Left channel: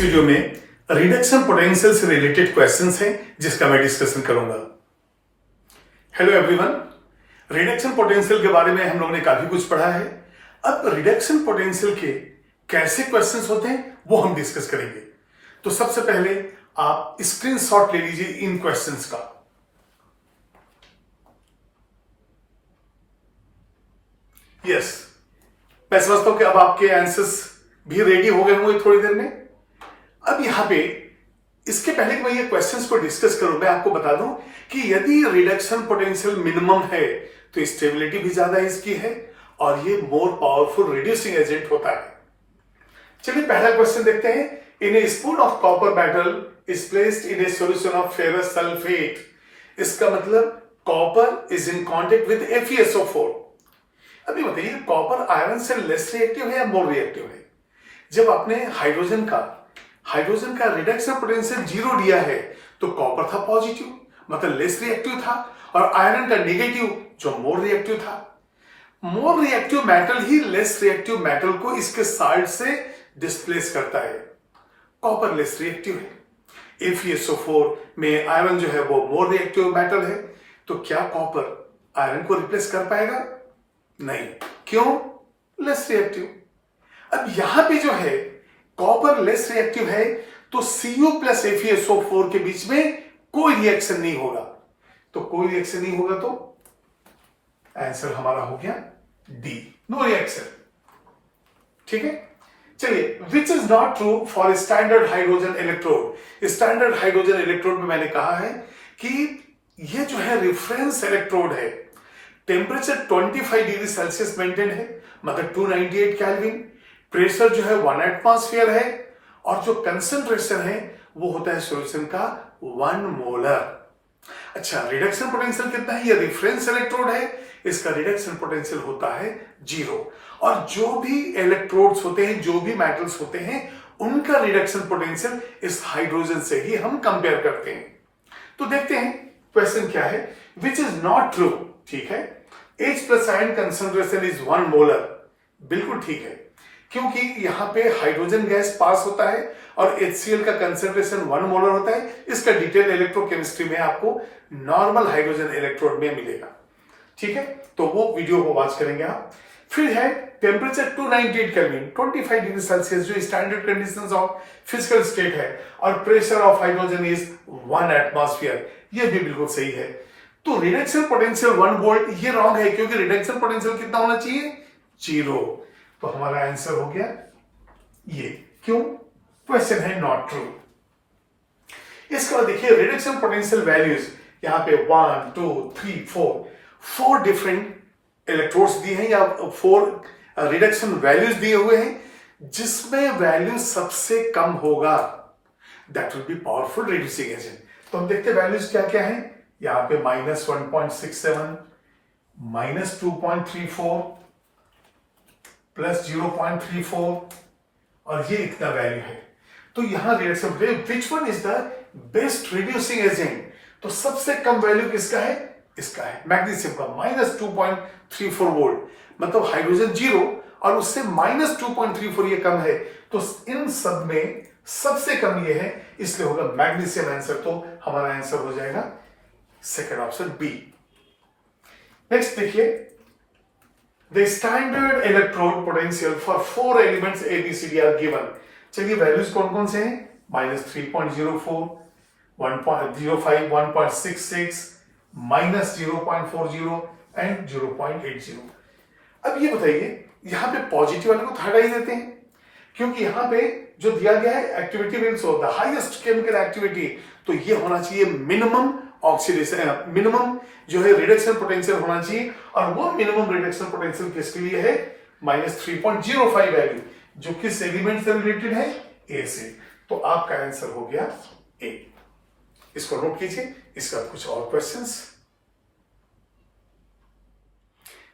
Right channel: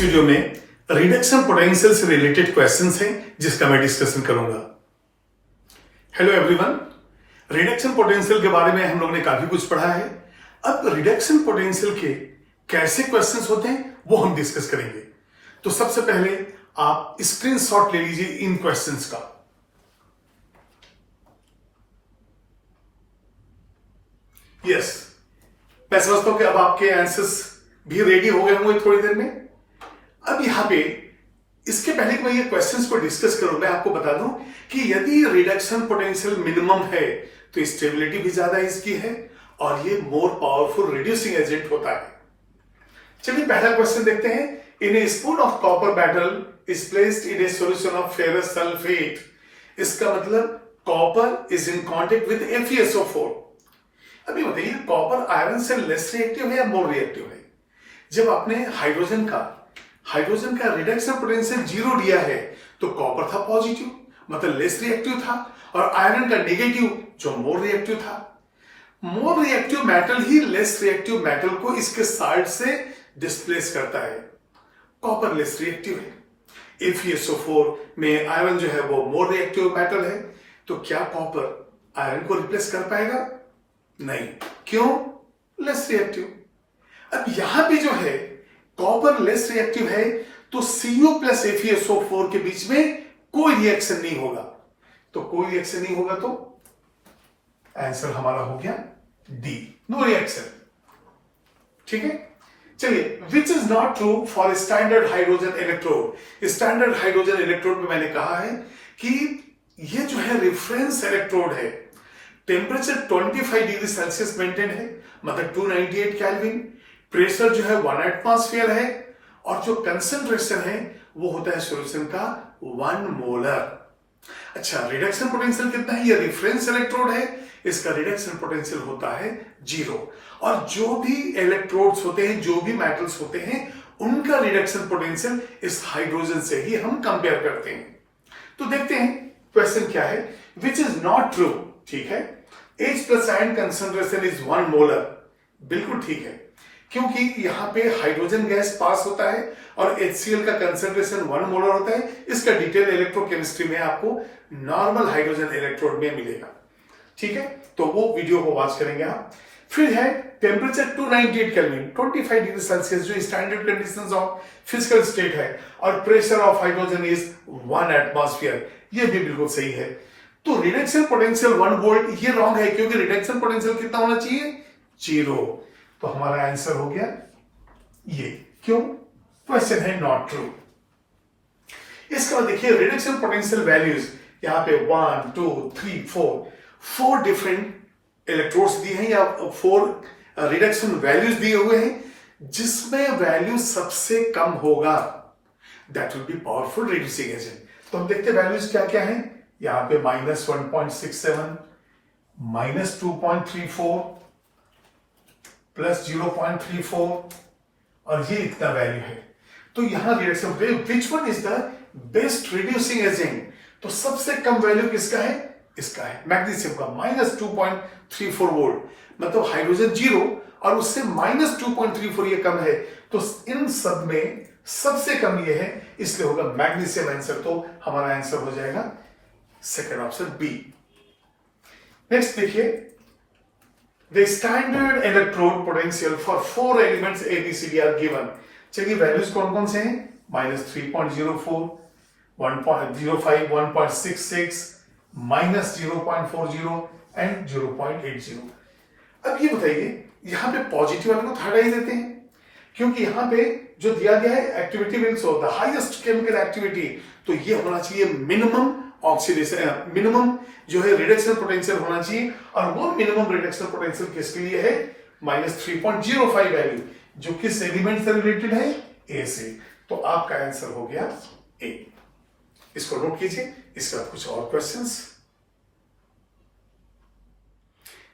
इस वीडियो में reduction potential से रिलेटेड क्वेश्चंस हैं जिसका मैं डिस्कशन करूंगा। हेलो एवरीवन, रिडक्शन पोटेंशियल के बारे में हम लोगों ने काफी कुछ पढ़ा है। अब रिडक्शन पोटेंशियल के कैसे क्वेश्चंस होते हैं वो हम डिस्कस करेंगे। तो सबसे पहले आप स्क्रीनशॉट ले लीजिए इन क्वेश्चंस का। यस, मैं समझता हूं कि अब आपके आंसर्स भी रेडी हो गए होंगे थोड़ी देर में। अब यहां पे इसके पहले कि मैं ये क्वेश्चंस को डिस्कस करूं, मैं आपको बता दूं कि यदि रिडक्शन पोटेंशियल मिनिमम है तो स्टेबिलिटी भी ज्यादा इसकी है और ये मोर पावरफुल रिड्यूसिंग एजेंट होता है। चलिए पहला क्वेश्चन देखते हैं। In a spoon of copper metal is placed in a solution of ferrous sulphate. इसका मतलब copper is in contact with FeSO4। अभी बताइए, कॉपर आयरन से लेस रिएक्टिव है या मोर रिएक्टिव है? जब आपने हाइड्रोजन का रिडक्शन पोटेंशियल 0 दिया है तो कॉपर था पॉजिटिव, मतलब लेस रिएक्टिव था, और आयरन का नेगेटिव जो मोर रिएक्टिव था। मोर रिएक्टिव मेटल ही लेस रिएक्टिव मेटल को इसके साइड से डिस्प्लेस करता है। कॉपर लेस रिएक्टिव है। FeSO4 में आयरन जो है वो मोर रिएक्टिव मेटल है, तो क्या कॉपर आयरन को रिप्लेस कर पाएगा? नहीं। क्यों? Less reactive. अब यहां पे जो है कॉपर लेस रिएक्टिव है तो Cu प्लस FeSO4 के बीच में कोई रिएक्शन नहीं होगा। तो कोई रिएक्शन नहीं होगा तो आंसर हमारा हो गया डी, नो रिएक्शन। ठीक है, चलिए, which is not true for standard hydrogen electrode. Standard hydrogen electrode में मैंने कहा है कि ये जो है रेफरेंस इलेक्ट्रोड है, टेम्परेचर 25 डिग्री सेल्सियस मेंटेन है, मतलब 298 केल्विन। प्रेशर जो है 1 एटमॉस्फेयर है और जो कंसंट्रेशन है वो होता है सॉल्यूशन का 1 मोलर। अच्छा, रिडक्शन पोटेंशियल कितना है? ये रेफरेंस इलेक्ट्रोड है, इसका रिडक्शन पोटेंशियल होता है 0। और जो भी इलेक्ट्रोड्स होते हैं, जो भी मेटल्स होते हैं, उनका रिडक्शन पोटेंशियल इस हाइड्रोजन से ही हम कंपेयर करते हैं। तो देखते हैं क्वेश्चन क्या है। Which is not true. ठीक है, H plus ion concentration is 1 molar. बिल्कुल ठीक है, क्योंकि यहां पे हाइड्रोजन गैस पास होता है और HCl का कंसंट्रेशन 1 मोलर होता है। इसका डिटेल इलेक्ट्रोकेमिस्ट्री में आपको नॉर्मल हाइड्रोजन इलेक्ट्रोड में मिलेगा। ठीक है, तो वो वीडियो को वॉच करेंगे आप। फिर है टेम्परेचर 298 केल्विन, 25 डिग्री सेल्सियस, जो standard conditions of physical state है, और pressure of hydrogen is 1 atmosphere. ये भी बिल्कुल सही है। तो रिडक्शन पोटेंशियल 1 वोल्ट, ये रॉन्ग है, क्योंकि रिडक्शन पोटेंशियल कितना होना चाहिए? 0। तो हमारा आंसर हो गया ये। क्यों? क्वेश्चन है नॉट ट्रू। इसके बाद देखिए रिडक्शन पोटेंशियल वैल्यूज, यहां पे 1 2 3 4 डिफरेंट इलेक्ट्रोड्स दिए हैं या 4 रिडक्शन वैल्यूज दिए हुए हैं, जिसमें वैल्यू सबसे कम होगा that will be powerful reducing agent. तो हम देखते हैं वैल्यूज क्या क्या है। यहां पे -1.67, -2.34, +0.34, और ये इतना वैल्यू है। तो यहां reduction which one is the best reducing agent? तो सबसे कम वैल्यू किसका है? इसका है, मैग्नीशियम का, -2.34 वोल्ट, मतलब हाइड्रोजन 0 और उससे -2.34 ये कम है। तो इन सब में सबसे कम ये है, इसलिए होगा मैग्नीशियम आंसर। तो हमारा आंसर हो जाएगा सेकेंड ऑप्शन बी। नेक्स्ट देखिए, the standard electrode potential for 4 elements ABCD are given. चलिए वैल्यूज कौन कौन से हैं? -3.04, 1.05, 1.66, -0.40 एंड 0.80। अब ये बताइए, यहां पे पॉजिटिव वाले को हटा ही देते हैं, क्योंकि यहां पे जो दिया गया है activity means the highest chemical activity, तो ये होना चाहिए मिनिमम ऑक्सीडेशन, मिनिमम जो है रिडक्शन पोटेंशियल होना चाहिए। और वो मिनिमम रिडक्शन पोटेंशियल किसके लिए है? -3.05 वैल्यू, जो किस एलिमेंट से रिलेटेड है? A से। तो आपका आंसर हो गया A। इसको नोट कीजिए। इसके बाद कुछ और क्वेश्चंस,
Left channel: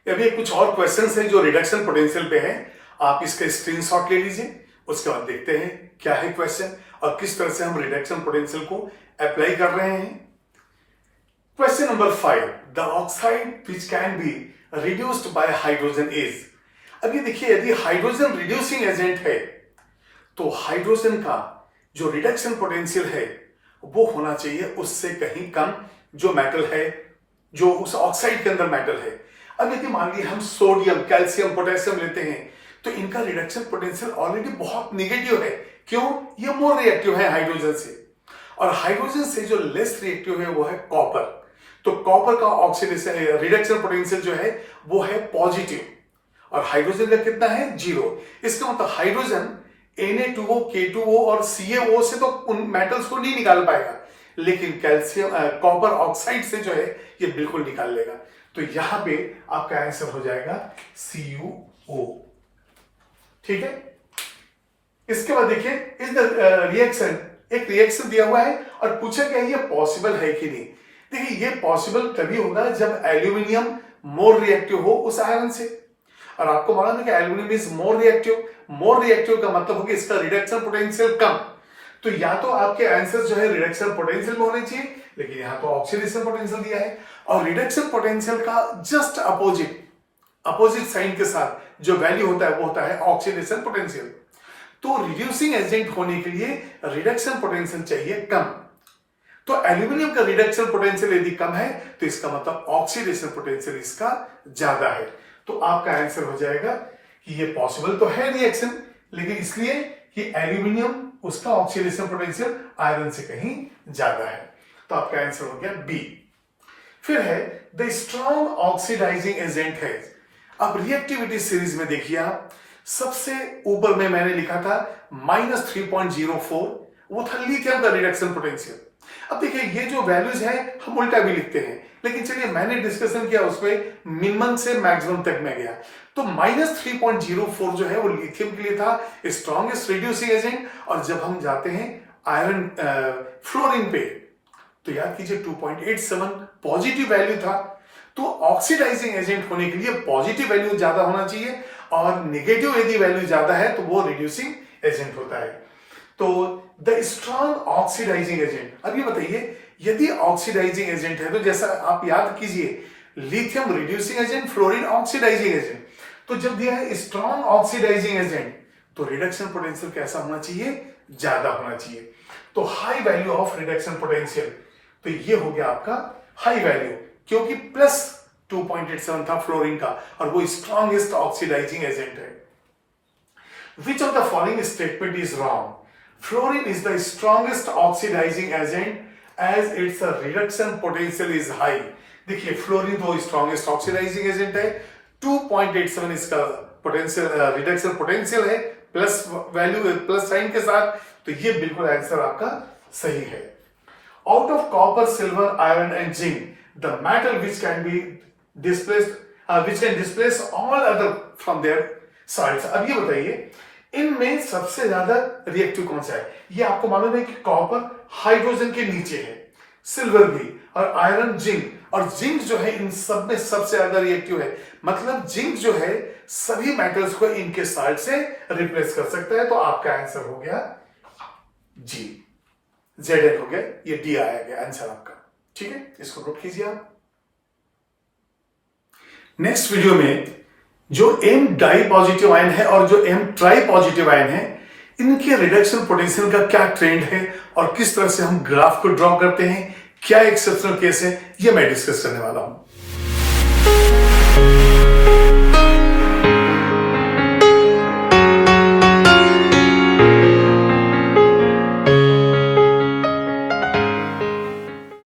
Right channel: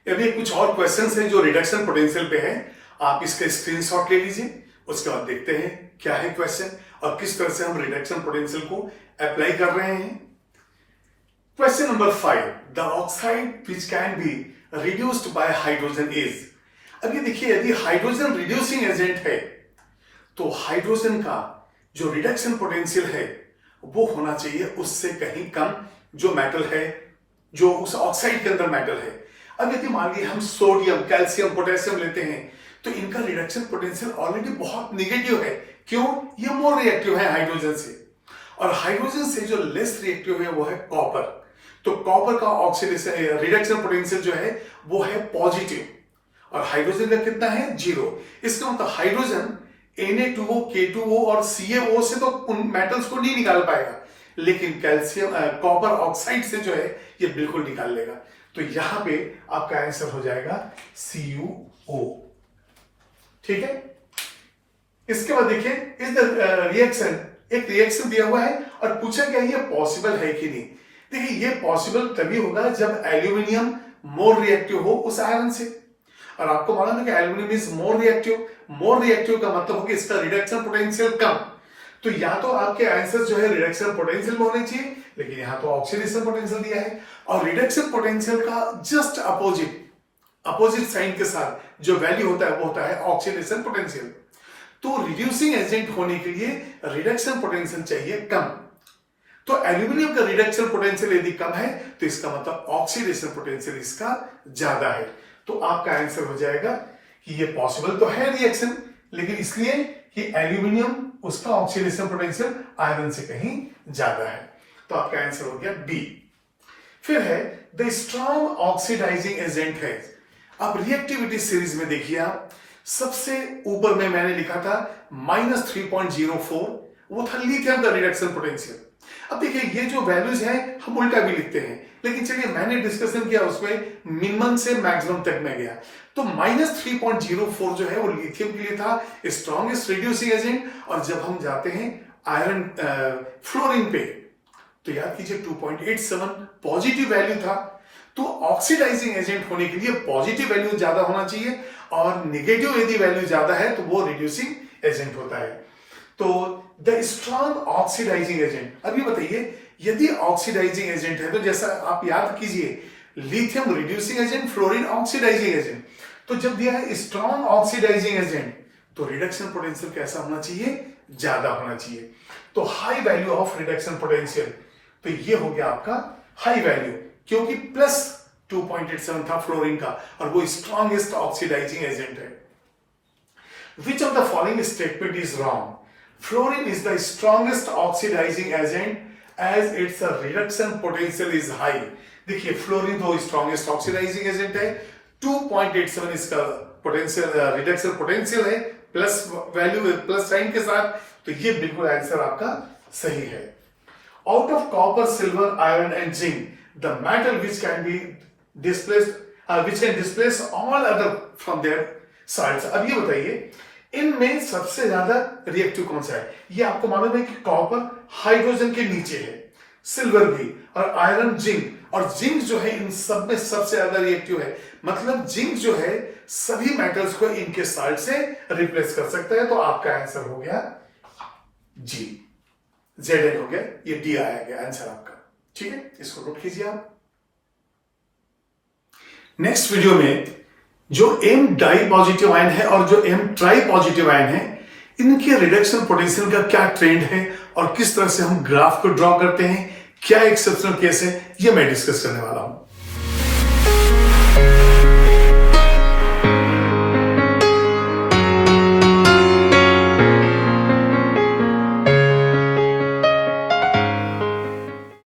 यदि कुछ और क्वेश्चंस हैं जो रिडक्शन पोटेंशियल पे है, आप इसका स्क्रीनशॉट ले लीजिए। उसके बाद देखते हैं क्या है क्वेश्चन और किस तरह से हम रिडक्शन पोटेंशियल को अप्लाई कर रहे हैं। Question number 5, the oxide which can be reduced by hydrogen is. अभी देखिए, यदि हाइड्रोजन रिड्यूसिंग एजेंट है तो हाइड्रोजन का जो रिडक्शन पोटेंशियल है वो होना चाहिए उससे कहीं कम जो मेटल है, जो उस ऑक्साइड के अंदर मेटल है। अब यदि मान लीजिए हम सोडियम, कैल्शियम, पोटेशियम लेते हैं तो इनका रिडक्शन पोटेंशियल ऑलरेडी बहुत निगेटिव है। क्यों? ये मोर रिएक्टिव है हाइड्रोजन से, और हाइड्रोजन से जो लेस रिएक्टिव है वो है कॉपर। तो कॉपर का ऑक्सीडेशन रिडक्शन पोटेंशियल जो है वो है पॉजिटिव, और हाइड्रोजन का कितना है? 0। इसका मतलब हाइड्रोजन Na2O, K2O और CaO से तो उन मेटल्स को नहीं निकाल पाएगा, लेकिन कैल्शियम कॉपर ऑक्साइड से जो है ये बिल्कुल निकाल लेगा। तो यहां पे आपका आंसर हो जाएगा CuO। ठीक है। इसके बाद देखिए इस रिएक्शन, एक रिएक्शन दिया हुआ है और पूछा गया ये पॉसिबल है कि नहीं। देखिए ये पॉसिबल तभी होगा जब एल्यूमिनियम मोर रिएक्टिव हो उस आयरन से, और आपको मालूम है कि aluminium is more reactive. More reactive का मतलब हो कि इसका रिडक्शन पोटेंशियल कम। तो या तो आपके आंसर जो है रिडक्शन पोटेंशियल में होने चाहिए, लेकिन यहां तो ऑक्सीडेशन पोटेंशियल दिया है, और रिडक्शन पोटेंशियल का जस्ट अपोजिट साइन के साथ जो वैल्यू होता है वो होता है ऑक्सीडेशन पोटेंशियल। तो रिड्यूसिंग एजेंट होने के लिए रिडक्शन पोटेंशियल चाहिए कम। तो एल्यूमिनियम का रिडक्शन पोटेंशियल यदि कम है तो इसका मतलब ऑक्सीडेशन पोटेंशियल इसका ज्यादा है। तो आपका आंसर हो जाएगा कि ये पॉसिबल तो है रिएक्शन, लेकिन इसलिए कि एल्यूमिनियम उसका ऑक्सीडेशन पोटेंशियल आयरन से कहीं ज्यादा है। तो आपका आंसर हो गया बी। फिर है द स्ट्रॉन्ग ऑक्सीडाइजिंग एजेंट है। अब रिएक्टिविटी सीरीज में देखिए आप, सबसे ऊपर में मैंने लिखा था -3.04, वो था लिथियम का रिडक्शन पोटेंशियल। अब देखिए ये जो वैल्यूज हैं हम उल्टा भी लिखते हैं, लेकिन चलिए मैंने डिस्कशन किया उसमें मिनिमम से मैक्सिमम तक में गया। तो -3.04 जो है वो लिथियम के लिए था स्ट्रॉन्गेस्ट रिड्यूसिंग एजेंट, और जब हम जाते हैं आयरन फ्लोरीन पे तो याद कीजिए 2.87 पॉजिटिव वैल्यू था। तो ऑक्सीडाइजिंग एजेंट होने के लिए पॉजिटिव वैल्यू ज्यादा होना चाहिए, और नेगेटिव यदि वैल्यू ज्यादा है तो वो रिड्यूसिंग एजेंट होता है। तो द स्ट्रॉन्ग ऑक्सीडाइजिंग एजेंट, अभी बताइए यदि ऑक्सीडाइजिंग एजेंट है तो जैसा आप याद कीजिए lithium reducing agent, fluorine oxidising agent. तो जब दिया है स्ट्रॉन्ग ऑक्सीडाइजिंग एजेंट तो रिडक्शन पोटेंशियल कैसा होना चाहिए? ज्यादा होना चाहिए। तो high value of reduction potential, तो ये हो गया आपका हाई वैल्यू, क्योंकि +2.87 था फ्लोरीन का, और वो स्ट्रॉन्गेस्ट ऑक्सीडाइजिंग एजेंट है। Which of the following statement is wrong? Fluorine is the strongest oxidizing agent as its reduction potential is high. देखिए फ्लोरीन तो स्ट्रॉन्गेस्ट ऑक्सीडाइजिंग एजेंट है, 2.87 इसका पोटेंशियल रिडक्शन पोटेंशियल है, प्लस वैल्यू प्लस साइन के साथ, तो ये बिल्कुल आंसर आपका सही है। Out of copper, silver, iron and zinc the metal which can be displaced which can displace all other from there sides. अब ये बताइए इनमें सबसे ज्यादा रिएक्टिव कौन सा है? ये आपको मालूम है कि कॉपर हाइड्रोजन के नीचे है, सिल्वर भी, और आयरन, जिंक, और जिंक जो है इन सब में सबसे ज्यादा रिएक्टिव है। मतलब जिंक जो है सभी मेटल्स को इनके साइड से रिप्लेस कर सकता है। तो आपका आंसर हो गया जी, Zn हो गया, ये डी आया गया आंसर आपका। ठीक है, इसको नोट कीजिए आप। नेक्स्ट वीडियो में जो M डाई पॉजिटिव आयन है और जो M ट्राई पॉजिटिव आयन है, इनके रिडक्शन पोटेंशियल का क्या ट्रेंड है और किस तरह से हम ग्राफ को ड्रॉ करते हैं, क्या एक्सेप्शनल केस है, ये मैं डिस्कस करने वाला हूं।